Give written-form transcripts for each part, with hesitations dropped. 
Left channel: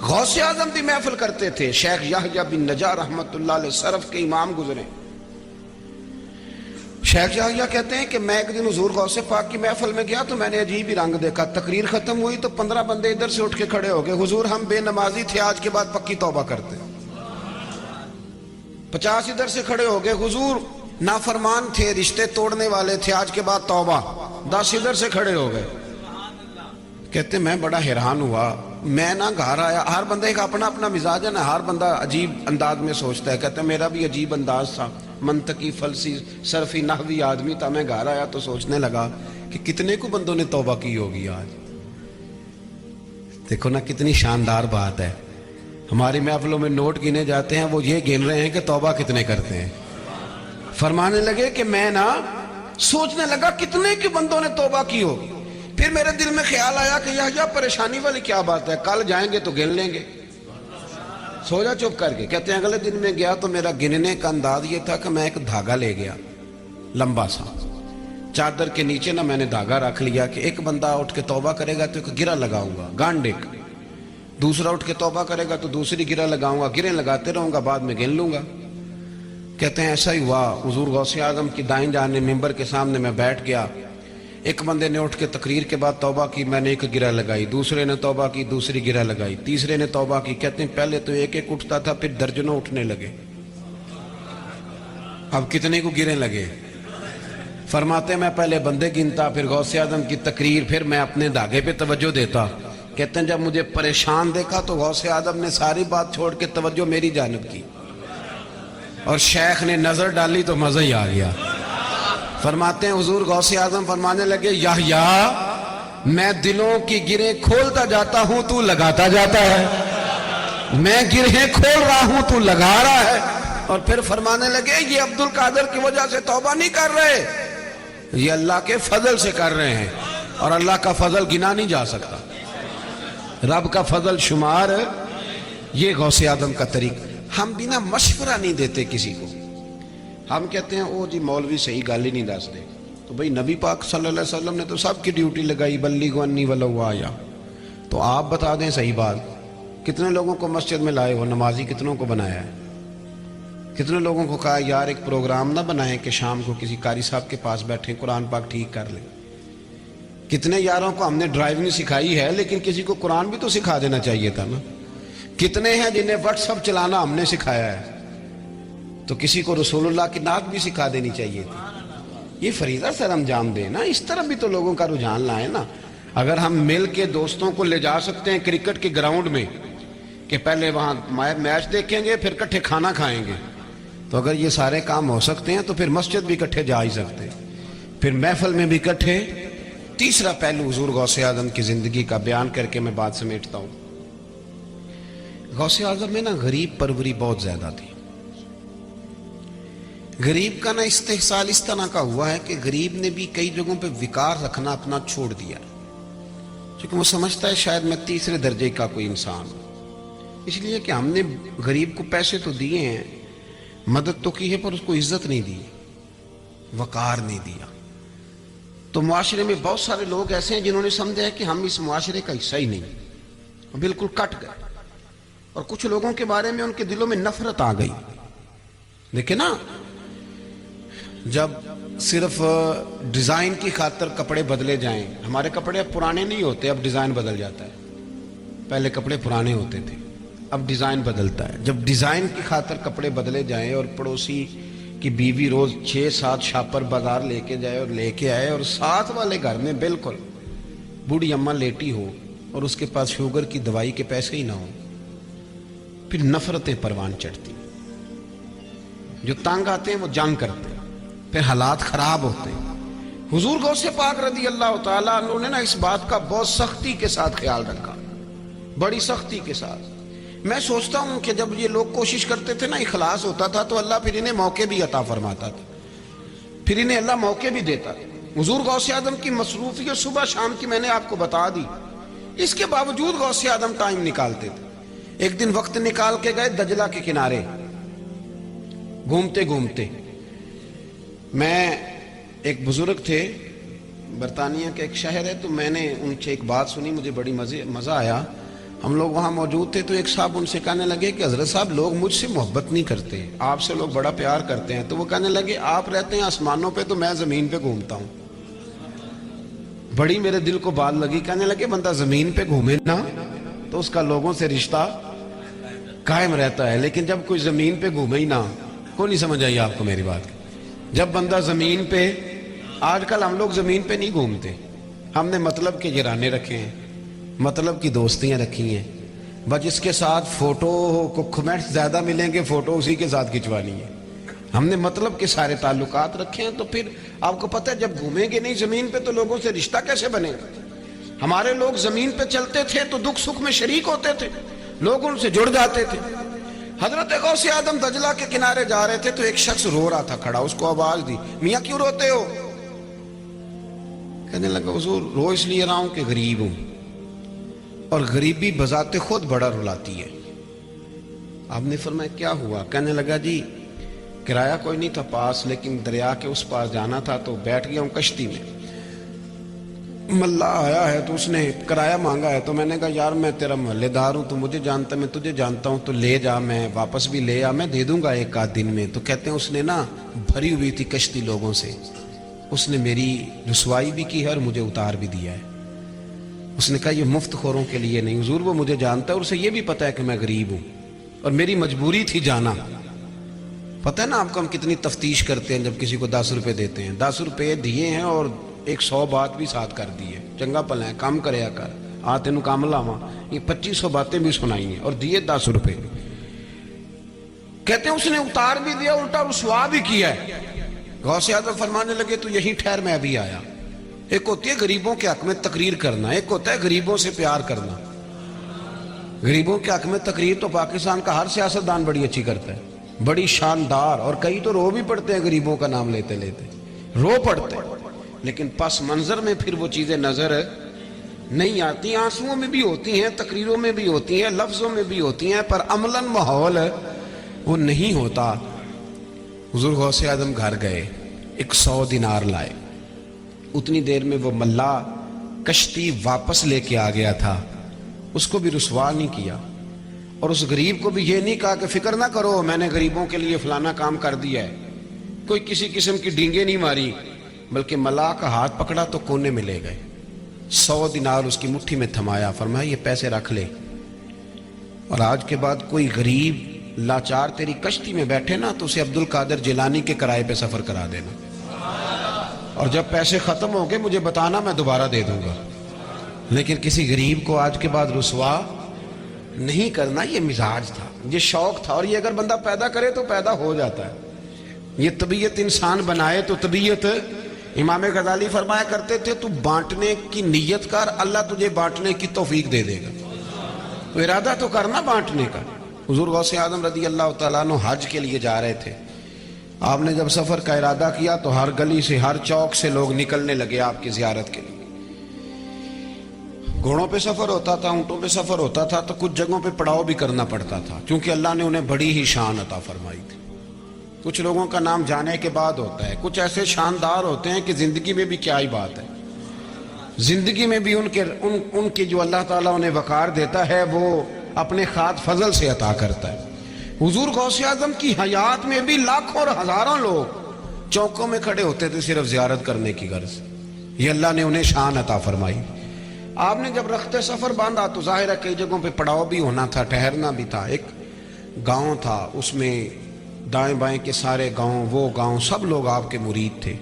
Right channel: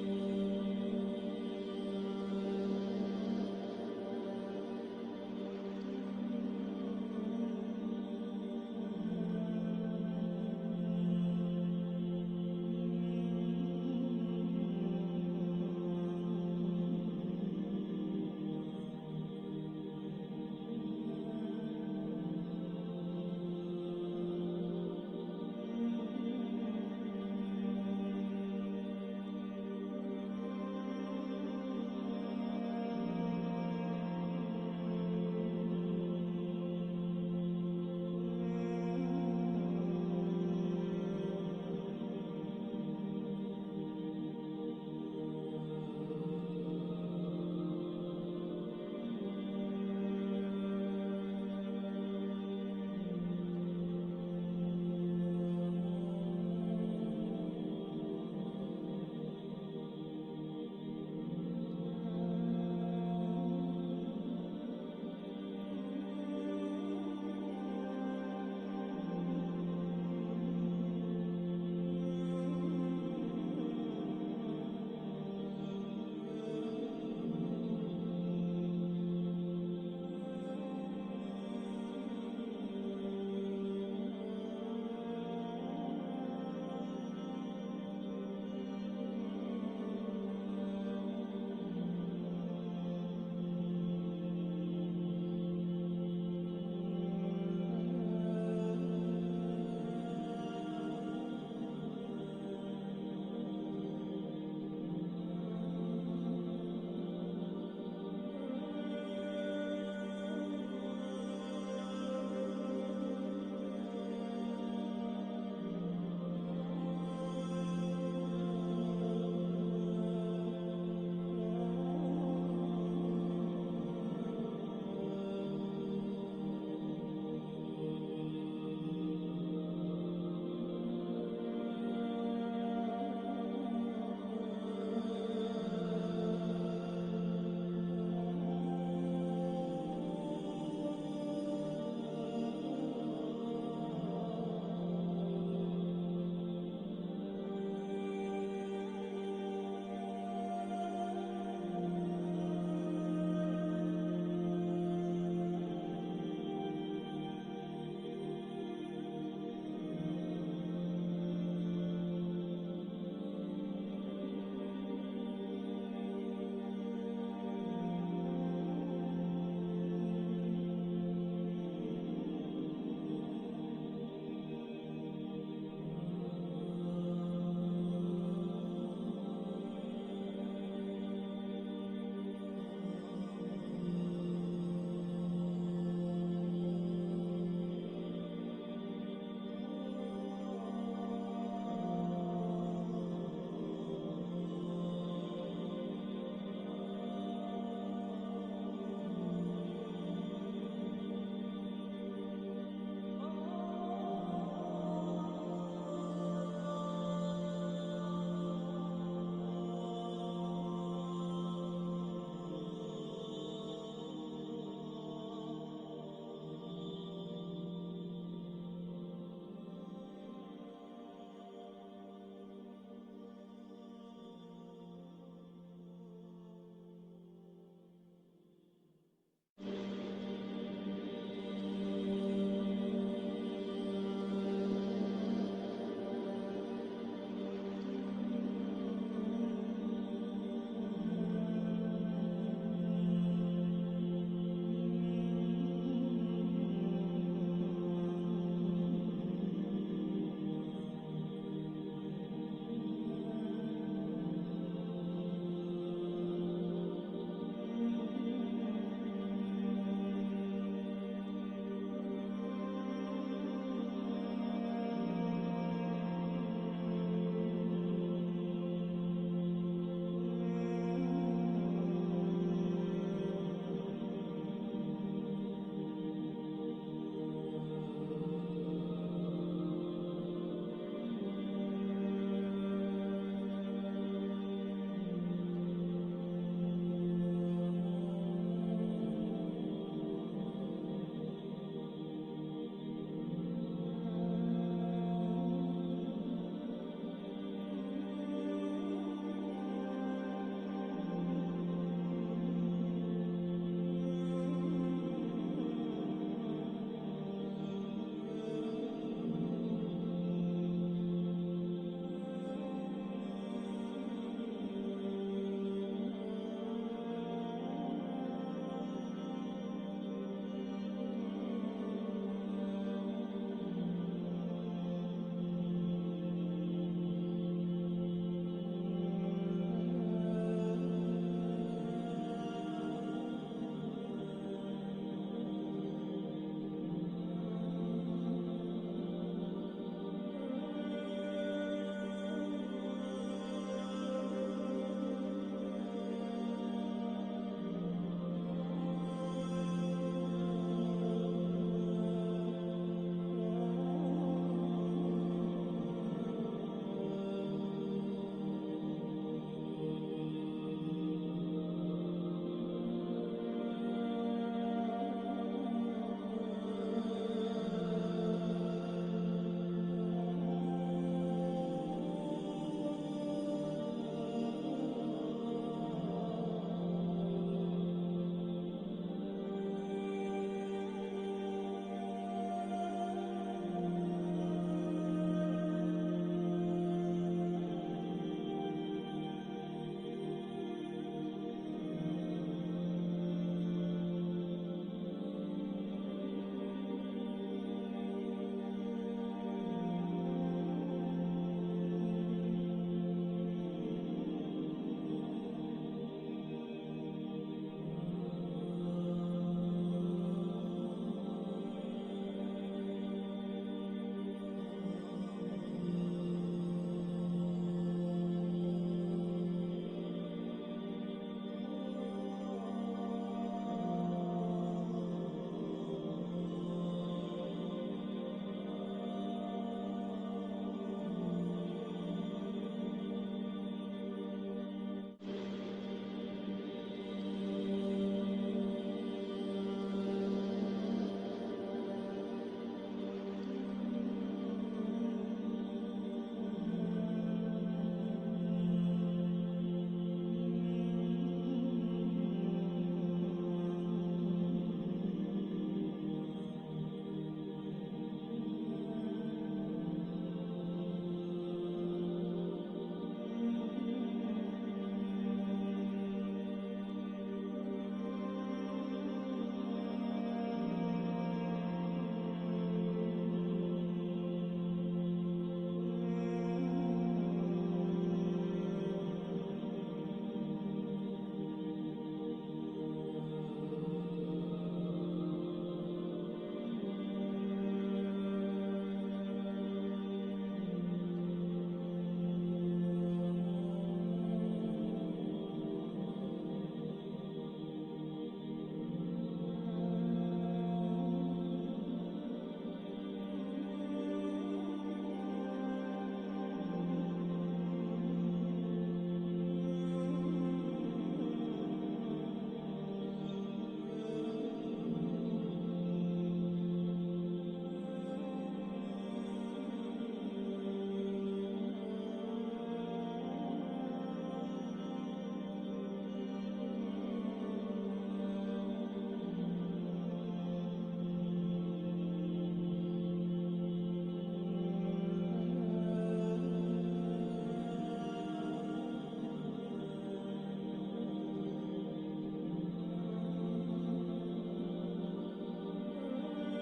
غوث اعظم بھی محفل کرتے تھے. شیخ یحییٰ بن نجار رحمۃ اللہ علیہ سرف کے امام گزرے. شیخ یحییٰ کہتے ہیں کہ میں ایک دن حضور غوث پاک کی محفل میں گیا تو میں نے عجیب ہی رنگ دیکھا. تقریر ختم ہوئی تو 15 بندے ادھر سے اٹھ کے کھڑے ہو گئے, حضور ہم بے نمازی تھے, آج کے بعد پکی توبہ کرتے. 50 ادھر سے کھڑے ہو گئے, حضور نافرمان تھے, رشتے توڑنے والے تھے, آج کے بعد توبہ. 10 ادھر سے کھڑے ہو گئے. کہتے میں بڑا حیران ہوا, میں نہ گھر آیا. ہر بندے کا اپنا اپنا مزاج ہے نا, ہر بندہ عجیب انداز میں سوچتا ہے. کہتے میرا بھی عجیب انداز تھا, منطقی فلسی صرفی نحوی آدمی تھا. میں گھر آیا تو سوچنے لگا کہ کتنے کو بندوں نے توبہ کی ہوگی آج. دیکھو نا کتنی شاندار بات ہے. ہماری محفلوں میں نوٹ گنے جاتے ہیں, وہ یہ گن رہے ہیں کہ توبہ کتنے کرتے ہیں. فرمانے لگے کہ میں نا سوچنے لگا کتنے کے بندوں نے توبہ کی ہوگی. پھر میرے دل میں خیال آیا کہ یہ پریشانی والی کیا بات ہے, کل جائیں گے تو گن لیں گے. سو جا چپ کر کے. کہتے ہیں اگلے دن میں گیا تو میرا گننے کا انداز یہ تھا کہ میں ایک دھاگا لے گیا لمبا سا, چادر کے نیچے نا میں نے دھاگا رکھ لیا کہ ایک بندہ اٹھ کے توبہ کرے گا تو ایک گرہ لگاؤں گا گانڈک, دوسرا اٹھ کے توبہ کرے گا تو دوسری گرہ لگاؤں گا, گرہیں لگاتے رہوں گا, بعد میں گن لوں گا. کہتے ہیں ایسا ہی ہوا. حضور غوث اعظم کی دائیں جانب ممبر کے سامنے میں بیٹھ گیا. ایک بندے نے اٹھ کے تقریر کے بعد توبہ کی, میں نے ایک گرہ لگائی. دوسرے نے توبہ کی, دوسری گرہ لگائی. تیسرے نے توبہ کی. کہتے ہیں پہلے تو ایک ایک اٹھتا تھا, پھر درجنوں اٹھنے لگے. اب کتنے کو گرہیں لگے. فرماتے ہیں میں پہلے بندے گنتا, پھر غوث اعظم کی تقریر, پھر میں اپنے دھاگے پہ توجہ دیتا. کہتے ہیں جب مجھے پریشان دیکھا تو غوث اعظم نے ساری بات چھوڑ کے توجہ میری جانب کی, اور شیخ نے نظر ڈالی تو مزہ ہی آ گیا. فرماتے ہیں حضور غوث اعظم فرمانے لگے یحییٰ میں دلوں کی گرہیں کھولتا جاتا ہوں, تو لگاتا جاتا ہے. میں گرہیں کھول رہا ہوں, تو لگا رہا ہے. اور پھر فرمانے لگے یہ عبد القادر کی وجہ سے توبہ نہیں کر رہے, یہ اللہ کے فضل سے کر رہے ہیں, اور اللہ کا فضل گنا نہیں جا سکتا. رب کا فضل شمار. یہ غوث اعظم کا طریقہ. ہم بنا مشورہ نہیں دیتے کسی کو. ہم کہتے ہیں او جی مولوی صحیح گل ہی نہیں دس دے. تو بھئی نبی پاک صلی اللہ علیہ وسلم نے تو سب کی ڈیوٹی لگائی, بلیغوا انی ولو آیا. تو آپ بتا دیں صحیح بات, کتنے لوگوں کو مسجد میں لائے ہو, نمازی کتنوں کو بنایا ہے, کتنے لوگوں کو کہا یار ایک پروگرام نہ بنائیں کہ شام کو کسی قاری صاحب کے پاس بیٹھیں قرآن پاک ٹھیک کر لیں. کتنے یاروں کو ہم نے ڈرائیونگ سکھائی ہے, لیکن کسی کو قرآن بھی تو سکھا دینا چاہیے تھا نا. کتنے ہیں جنہیں واٹس ایپ چلانا ہم نے سکھایا ہے, تو کسی کو رسول اللہ کی نعت بھی سکھا دینی چاہیے تھی. یہ فریضہ سر انجام دیں نا, اس طرح بھی تو لوگوں کا رجحان لائیں نا. اگر ہم مل کے دوستوں کو لے جا سکتے ہیں کرکٹ کے گراؤنڈ میں کہ پہلے وہاں میچ دیکھیں گے پھر کٹھے کھانا کھائیں گے, تو اگر یہ سارے کام ہو سکتے ہیں تو پھر مسجد بھی کٹھے جا ہی سکتے ہیں, پھر محفل میں بھی کٹھے. تیسرا پہلو حضور غوث اعظم کی زندگی کا بیان کر کے میں بات سمیٹتا ہوں. غوث اعظم میں نا غریب پروری بہت زیادہ تھی. غریب کا نا استحصال اس طرح کا ہوا ہے کہ غریب نے بھی کئی جگہوں پہ وقار رکھنا اپنا چھوڑ دیا, کیونکہ وہ سمجھتا ہے شاید میں تیسرے درجے کا کوئی انسان ہوں. اس لیے کہ ہم نے غریب کو پیسے تو دیے ہیں, مدد تو کی ہے, پر اس کو عزت نہیں دی, وقار نہیں دیا. تو معاشرے میں بہت سارے لوگ ایسے ہیں جنہوں نے سمجھا ہے کہ ہم اس معاشرے کا حصہ ہی نہیں, بالکل کٹ گئے. اور کچھ لوگوں کے بارے میں ان کے دلوں میں نفرت آ گئی. دیکھیں نا, جب صرف ڈیزائن کی خاطر کپڑے بدلے جائیں, ہمارے کپڑے اب پرانے نہیں ہوتے, اب ڈیزائن بدل جاتا ہے. پہلے کپڑے پرانے ہوتے تھے, اب ڈیزائن بدلتا ہے. جب ڈیزائن کی خاطر کپڑے بدلے جائیں اور پڑوسی کی بیوی روز 6-7 شاپر بازار لے کے جائے اور لے کے آئے, اور ساتھ والے گھر میں بالکل بوڑھی اماں لیٹی ہو اور اس کے پاس شوگر کی دوائی کے پیسے ہی نہ ہوں, پھر نفرتیں پروان چڑھتی. جو تنگ آتے ہیں وہ جنگ کرتے ہیں, پھر حالات خراب ہوتے ہیں. حضور غوث پاک رضی اللہ تعالیٰ عنہ نے نا اس بات کا بہت سختی کے ساتھ خیال رکھا, بڑی سختی کے ساتھ. میں سوچتا ہوں کہ جب یہ لوگ کوشش کرتے تھے نا, اخلاص ہوتا تھا, تو اللہ پھر انہیں موقع بھی عطا فرماتا تھا, پھر انہیں اللہ موقع بھی دیتا تھا. حضور غوث اعظم کی مصروفیت صبح شام کی میں نے آپ کو بتا دی, اس کے باوجود غوث اعظم ٹائم نکالتے تھے. ایک دن وقت نکال کے گئے دجلہ کے کنارے, گھومتے گھومتے. میں ایک بزرگ تھے, برطانیہ کا ایک شہر ہے, تو میں نے ان سے ایک بات سنی, مجھے بڑی مزہ آیا. ہم لوگ وہاں موجود تھے تو ایک صاحب ان سے کہنے لگے کہ حضرت صاحب لوگ مجھ سے محبت نہیں کرتے، آپ سے لوگ بڑا پیار کرتے ہیں. تو وہ کہنے لگے آپ رہتے ہیں آسمانوں پہ تو میں زمین پہ گھومتا ہوں. بڑی میرے دل کو بات لگی. کہنے لگے بندہ زمین پہ گھومے نا تو اس کا لوگوں سے رشتہ قائم رہتا ہے، لیکن جب کوئی زمین پہ گھومے ہی نہ، کوئی نہیں سمجھ آئی آپ کو میری بات. جب بندہ زمین پہ، آج کل ہم لوگ زمین پہ نہیں گھومتے، ہم نے مطلب کے جرانے رکھے ہیں، مطلب کی دوستیاں رکھی ہیں، بس جس کے ساتھ فوٹو کو کمنٹس زیادہ ملیں گے فوٹو اسی کے ساتھ کھنچوانی ہے. ہم نے مطلب کے سارے تعلقات رکھے ہیں. تو پھر آپ کو پتہ ہے جب گھومیں گے نہیں زمین پہ تو لوگوں سے رشتہ کیسے بنے گا؟ ہمارے لوگ زمین پہ چلتے تھے تو دکھ سکھ میں شریک ہوتے تھے، لوگ ان سے جڑ جاتے تھے. حضرت غوث اعظم دجلہ کے کنارے جا رہے تھے تو ایک شخص رو رہا تھا کھڑا. اس کو آواز دی، میاں کیوں روتے ہو؟ کہنے لگا حضور رو اس لیے رہا ہوں کہ غریب ہوں، اور غریبی بذات خود بڑا رلاتی ہے. آپ نے فرمایا کیا ہوا؟ کہنے لگا جی کرایہ کوئی نہیں تھا پاس، لیکن دریا کے اس پاس جانا تھا تو بیٹھ گیا ہوں کشتی میں. ملا آیا ہے تو اس نے کرایہ مانگا ہے، تو میں نے کہا یار میں تیرا محلے دار ہوں، تو مجھے جانتا، میں تجھے جانتا ہوں، تو لے جا، میں واپس بھی لے آ، میں دے دوں گا ایک آدھ دن میں. تو کہتے ہیں اس نے نا بھری ہوئی تھی کشتی لوگوں سے، اس نے میری رسوائی بھی کی ہے اور مجھے اتار بھی دیا ہے. اس نے کہا یہ مفت خوروں کے لیے نہیں حضور، وہ مجھے جانتا ہے اور اسے یہ بھی پتا ہے کہ میں غریب ہوں اور میری مجبوری تھی جانا. پتہ ہے نا آپ کو ہم کتنی تفتیش کرتے ہیں جب کسی کو 10 روپے دیتے ہیں. 10 روپے دیے ہیں اور 100 بات بھی ساتھ کر دی ہے، چنگا پلا ہے کام کریا کر، آ تینوں کام لاواں، یہ 2500 باتیں بھی سنائی ہیں اور دیے 10 روپے. کہتے ہیں اس نے اتار بھی دیا، الٹا رسوا بھی کیا ہے. غوث اعظم فرمانے لگے تو یہی ٹھہر میں ابھی آیا. ایک ہوتی ہے غریبوں کے حق میں تقریر کرنا، ایک ہوتا ہے غریبوں سے پیار کرنا. غریبوں کے حق میں تقریر تو پاکستان کا ہر سیاستدان بڑی اچھی کرتا ہے، بڑی شاندار، اور کئی تو رو بھی پڑتے ہیں غریبوں کا نام لیتے لیتے، رو پڑتے ہیں، لیکن پس منظر میں پھر وہ چیزیں نظر نہیں آتی. آنسوؤں میں بھی ہوتی ہیں، تقریروں میں بھی ہوتی ہیں، لفظوں میں بھی ہوتی ہیں، پر عملاً ماحول وہ نہیں ہوتا. حضور غوث اعظم گھر گئے، 100 دینار لائے. اتنی دیر میں وہ ملا کشتی واپس لے کے آ گیا تھا، اس کو بھی رسوا نہیں کیا اور اس غریب کو بھی یہ نہیں کہا کہ فکر نہ کرو میں نے غریبوں کے لیے فلانا کام کر دیا ہے. کوئی کسی قسم کی ڈینگیں نہیں ماری، بلکہ ملا کا ہاتھ پکڑا تو کونے میں لے گئے. 100 دینار اس کی مٹھی میں تھمایا، فرمایا یہ پیسے رکھ لے، اور آج کے بعد کوئی غریب لاچار تیری کشتی میں بیٹھے نا تو اسے عبد القادر جیلانی کے کرائے پہ سفر کرا دینا، اور جب پیسے ختم ہو گئے مجھے بتانا، میں دوبارہ دے دوں گا. لیکن کسی غریب کو آج کے بعد رسوا نہیں کرنا. یہ مزاج تھا، یہ شوق تھا، اور یہ اگر بندہ پیدا کرے تو پیدا ہو جاتا ہے. یہ طبیعت انسان بنائے تو طبیعت. امام غزالی فرمایا کرتے تھے تو بانٹنے کی نیت کر، اللہ تجھے بانٹنے کی توفیق دے دے گا. تو ارادہ تو کرنا بانٹنے کا. حضور غوث اعظم رضی اللہ تعالیٰ عنہ حج کے لیے جا رہے تھے. آپ نے جب سفر کا ارادہ کیا تو ہر گلی سے، ہر چوک سے لوگ نکلنے لگے آپ کی زیارت کے لیے. گھوڑوں پہ سفر ہوتا تھا، اونٹوں پہ سفر ہوتا تھا، تو کچھ جگہوں پہ پڑاؤ بھی کرنا پڑتا تھا کیونکہ اللہ نے انہیں بڑی ہی شان عطا فرمائی تھی. کچھ لوگوں کا نام جانے کے بعد ہوتا ہے، کچھ ایسے شاندار ہوتے ہیں کہ زندگی میں بھی کیا ہی بات ہے، زندگی میں بھی ان کی جو اللہ تعالیٰ انہیں وقار دیتا ہے وہ اپنے خاص فضل سے عطا کرتا ہے. حضور غوث اعظم کی حیات میں بھی لاکھوں اور ہزاروں لوگ چوکوں میں کھڑے ہوتے تھے صرف زیارت کرنے کی غرض. یہ اللہ نے انہیں شان عطا فرمائی. آپ نے جب رخت سفر باندھا تو ظاہر ہے کئی جگہوں پہ پڑاؤ بھی ہونا تھا، ٹھہرنا بھی تھا. ایک گاؤں تھا، اس میں دائیں بائیں کے سارے گاؤں، وہ گاؤں سب لوگ آپ کے مرید تھے.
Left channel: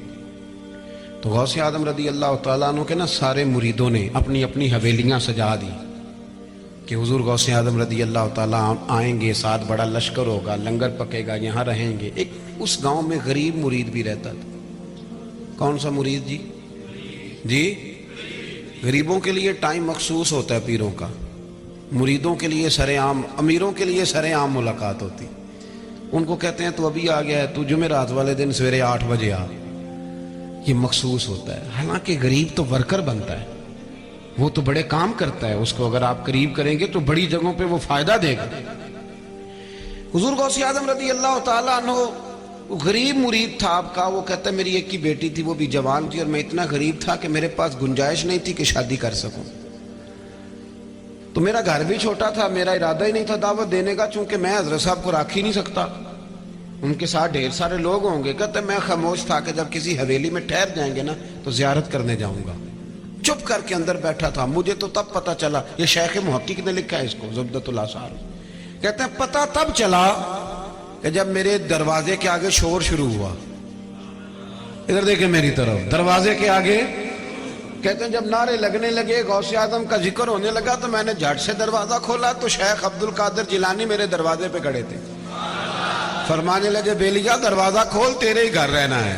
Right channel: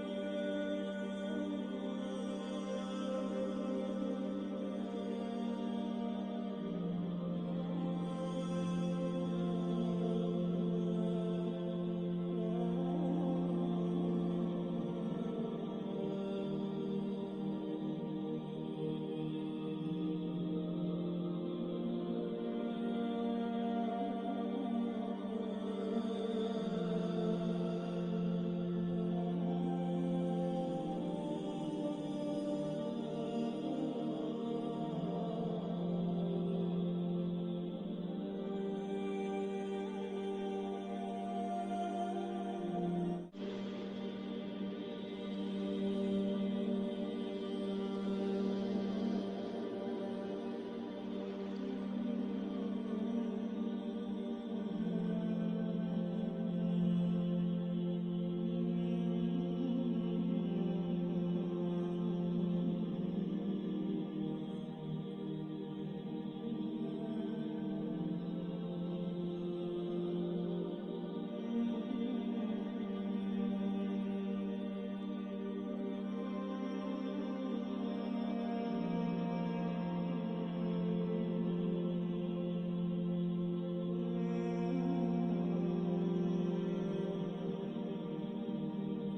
تو غوث اعظم رضی اللہ تعالیٰ عنہ کے نا سارے مریدوں نے اپنی اپنی حویلیاں سجا دی کہ حضور غوث اعظم رضی اللہ تعالیٰ آئیں گے، ساتھ بڑا لشکر ہوگا، لنگر پکے گا، یہاں رہیں گے. ایک اس گاؤں میں غریب مرید بھی رہتا تھا. کون سا مرید جی؟ جی غریبوں کے لیے ٹائم مخصوص ہوتا ہے پیروں کا، مریدوں کے لیے سر عام، امیروں کے لیے سر عام ملاقات ہوتی. ان کو کہتے ہیں تو ابھی آ گیا ہے، تو جمعرات والے دن سویرے 8 بجے آ. یہ مخصوص ہوتا ہے. حالانکہ غریب تو ورکر بنتا ہے، وہ تو بڑے کام کرتا ہے، اس کو اگر آپ قریب کریں گے تو بڑی جگہوں پہ وہ فائدہ دے گا. حضور غوث اعظم رضی اللہ تعالیٰ عنہ غریب مرید تھا آپ کا. وہ کہتا ہے میری ایک کی بیٹی تھی، وہ بھی جوان تھی، اور میں اتنا غریب تھا کہ میرے پاس گنجائش نہیں تھی کہ شادی کر سکوں. تو میرا گھر بھی چھوٹا تھا, میرا ارادہ ہی نہیں تھا دعوت دینے کا, چونکہ میں حضرت صاحب کو رکھ ہی نہیں سکتا, ان کے ساتھ ڈھیر سارے لوگ ہوں گے. کہتے میں خاموش تھا کہ جب کسی حویلی میں ٹھہر جائیں گے نا تو زیارت کرنے جاؤں گا. چپ کر کے اندر بیٹھا تھا. مجھے تو تب پتا چلا, یہ شیخ محقق نے لکھا ہے اس کو, زبدۃ الاثار. کہتے ہیں پتا تب چلا کہ جب میرے دروازے کے آگے شور شروع ہوا. ادھر دیکھیں میری طرف, دروازے کے آگے. کہتے ہیں جب نعرے لگنے لگے, غوث اعظم کا ذکر ہونے لگا, تو میں نے جھٹ سے دروازہ کھولا تو شیخ عبد القادر جیلانی میرے دروازے پہ کھڑے تھے. فرمانے لگے بیلیا دروازہ کھول, تیرے ہی گھر رہنا ہے,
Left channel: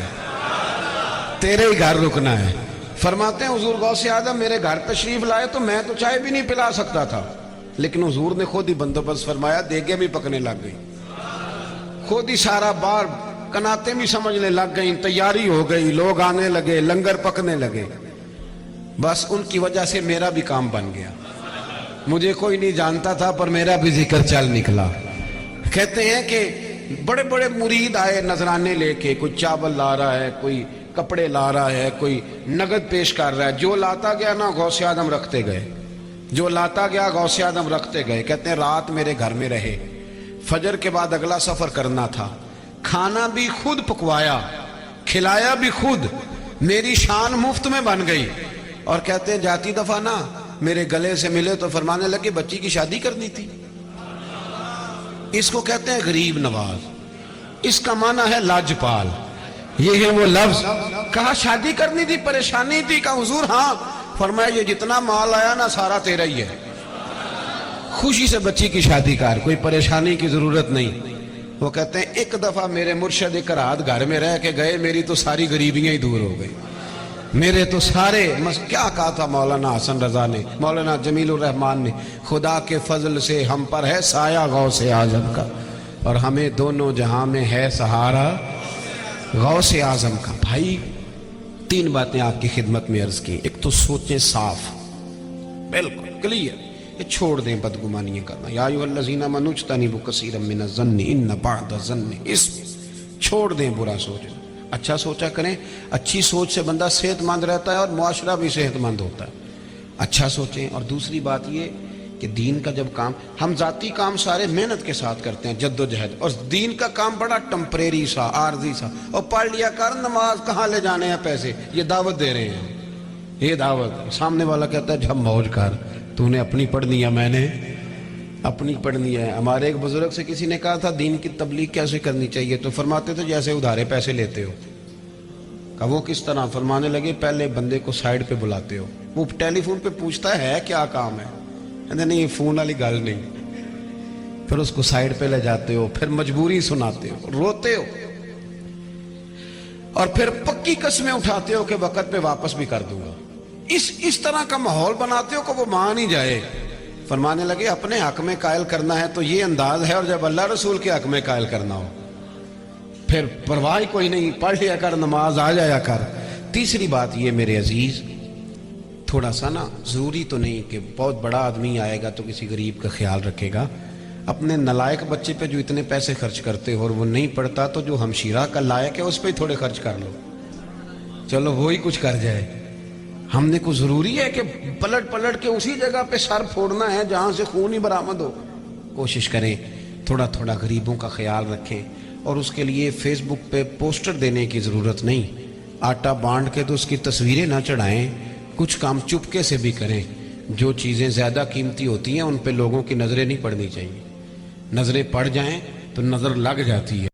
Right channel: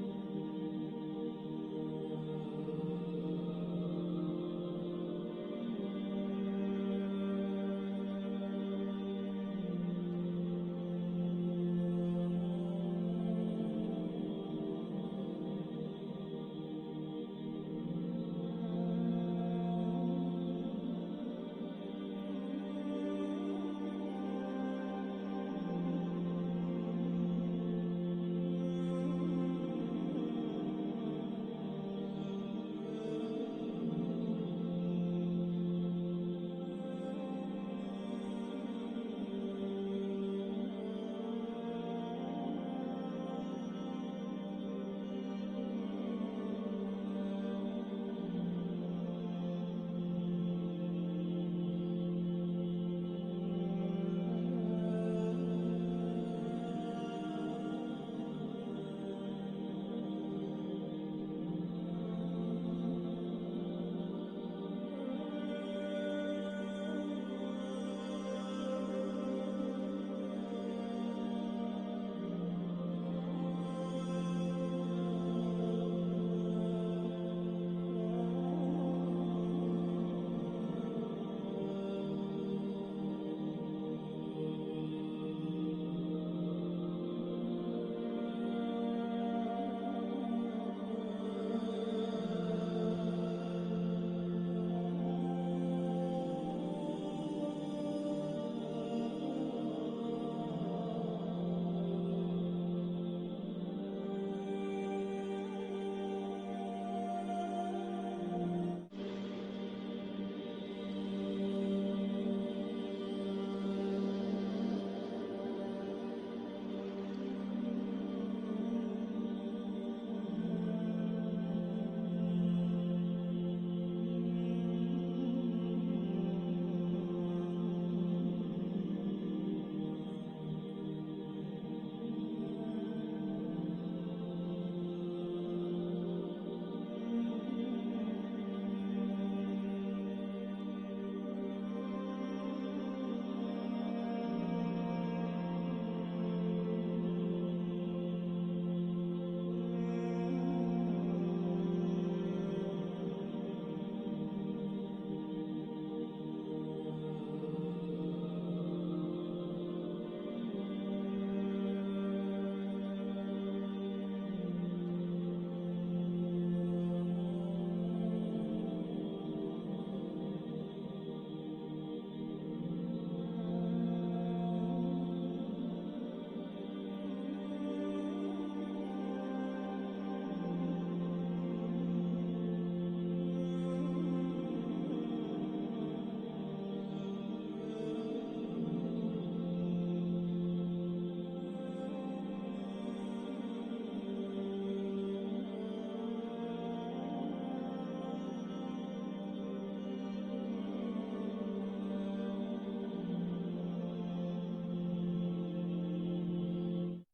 تیرے ہی گھر رکنا ہے. فرماتے ہیں حضور غوث اعظم میرے گھر تشریف لائے تو میں تو چائے بھی نہیں پلا سکتا تھا, لیکن حضور نے خود ہی بندوبست فرمایا, دیگیں بھی پکنے لگ گئی, خود ہی سارا بار کناتیں بھی سمجھنے لگ گئیں, تیاری ہو گئی, لوگ آنے لگے, لنگر پکنے لگے. بس ان کی وجہ سے میرا بھی کام بن گیا. مجھے کوئی نہیں جانتا تھا پر میرا بھی ذکر چل نکلا. کہتے ہیں کہ بڑے بڑے مرید آئے نذرانے لے کے, کوئی چاول لا رہا ہے, کوئی کپڑے لا رہا ہے, کوئی نگد پیش کر رہا ہے. جو لاتا گیا نا غوث اعظم رکھتے گئے, جو لاتا گیا غوث اعظم رکھتے گئے. کہتے ہیں رات میرے گھر میں رہے, فجر کے بعد اگلا سفر کرنا تھا, کھانا بھی خود پکوایا, کھلایا بھی خود, میری شان مفت میں بن گئی. اور کہتے ہیں جاتی دفعہ نا میرے گلے سے ملے تو فرمانے لگے بچی کی شادی کرنی تھی. اس کو کہتے ہیں غریب نواز, اس کا معنی ہے لاجپال. یہ ہے وہ لفظ. کہا شادی کرنی تھی, پریشانی تھی. کہا حضور ہاں. فرمایا یہ جتنا مال آیا نا سارا تیرا ہی ہے, خوشی سے بچی کی شادی کر, کوئی پریشانی کی ضرورت نہیں. وہ کہتے ہیں ایک دفعہ میرے مرشد اکراد گھر میں رہ کے گئے, میری تو ساری غریبیاں ہی دور ہو گئی. میرے تو سارے کیا کہا تھا مولانا حسن رضا نے, مولانا جمیل الرحمان نے, خدا کے فضل سے ہم پر ہے سایہ غوث اعظم کا, اور ہمیں دونوں جہاں میں ہے سہارا غوث اعظم کا. بھائی تین باتیں آپ کی خدمت میں عرض کی. ایک تو سوچیں صاف, بالکل کلیئر, یہ چھوڑ دیں بدگمانیاں کرنا. یا ایھا الذین آمنوا اجتنبوا کثیرا من الظن ان بعض الظن اثم. چھوڑ دیں برا سوچنا, اچھا سوچا کریں. اچھی سوچ سے بندہ صحت مند رہتا ہے اور معاشرہ بھی صحت مند ہوتا ہے. اچھا سوچیں. اور دوسری بات یہ کہ دین کا جب کام, ہم ذاتی کام سارے محنت کے ساتھ کرتے ہیں, جد و جہد, اور دین کا کام بڑا ٹمپریری سا, عارضی سا, اور پڑھ لیا کر نماز, کہاں لے جانے ہیں پیسے, یہ دعوت دے رہے ہیں, یہ دعوت. سامنے والا کہتا ہے جب موج کر, تو نے اپنی پڑھنی ہے, میں نے اپنی پڑھنی ہے. ہمارے ایک بزرگ سے کسی نے کہا تھا دین کی تبلیغ کیسے کرنی چاہیے, تو فرماتے تھے جیسے ادھارے پیسے لیتے ہو. کہا وہ کس طرح؟ فرمانے لگے پہلے بندے کو سائیڈ پہ بلاتے ہو, وہ ٹیلی فون پہ پوچھتا ہے کیا کام ہے, کہتے نہیں یہ فون والی گل نہیں, پھر اس کو سائیڈ پہ لے جاتے ہو, پھر مجبوری سناتے ہو, روتے ہو, اور پھر پکی قسمیں اٹھاتے ہو کہ وقت پہ واپس بھی کر دوں گا. اس طرح کا ماحول بناتے ہو کہ وہ مان ہی جائے. فرمانے لگے اپنے حق میں قائل کرنا ہے تو یہ انداز ہے, اور جب اللہ رسول کے حق میں قائل کرنا ہو پھر پرواہ کوئی نہیں, پڑھ لیا کر, نماز آ جایا کر. تیسری بات یہ میرے عزیز, تھوڑا سا نا ضروری تو نہیں کہ بہت بڑا آدمی آئے گا تو کسی غریب کا خیال رکھے گا. اپنے نلائق بچے پہ جو اتنے پیسے خرچ کرتے ہو اور وہ نہیں پڑھتا, تو جو ہمشیرہ کا لائق ہے اس پہ تھوڑے خرچ کر لو, چلو وہی کچھ کر جائے. ہم نے کو ضروری ہے کہ پلٹ پلٹ کے اسی جگہ پہ سر پھوڑنا ہے جہاں سے خون ہی برآمد ہو. کوشش کریں تھوڑا تھوڑا غریبوں کا خیال رکھیں. اور اس کے لیے فیس بک پہ پوسٹر دینے کی ضرورت نہیں, آٹا بانٹ کے تو اس کی تصویریں نہ چڑھائیں, کچھ کام چپکے سے بھی کریں. جو چیزیں زیادہ قیمتی ہوتی ہیں ان پہ لوگوں کی نظریں نہیں پڑنی چاہیے, نظریں پڑ جائیں تو نظر لگ جاتی ہے.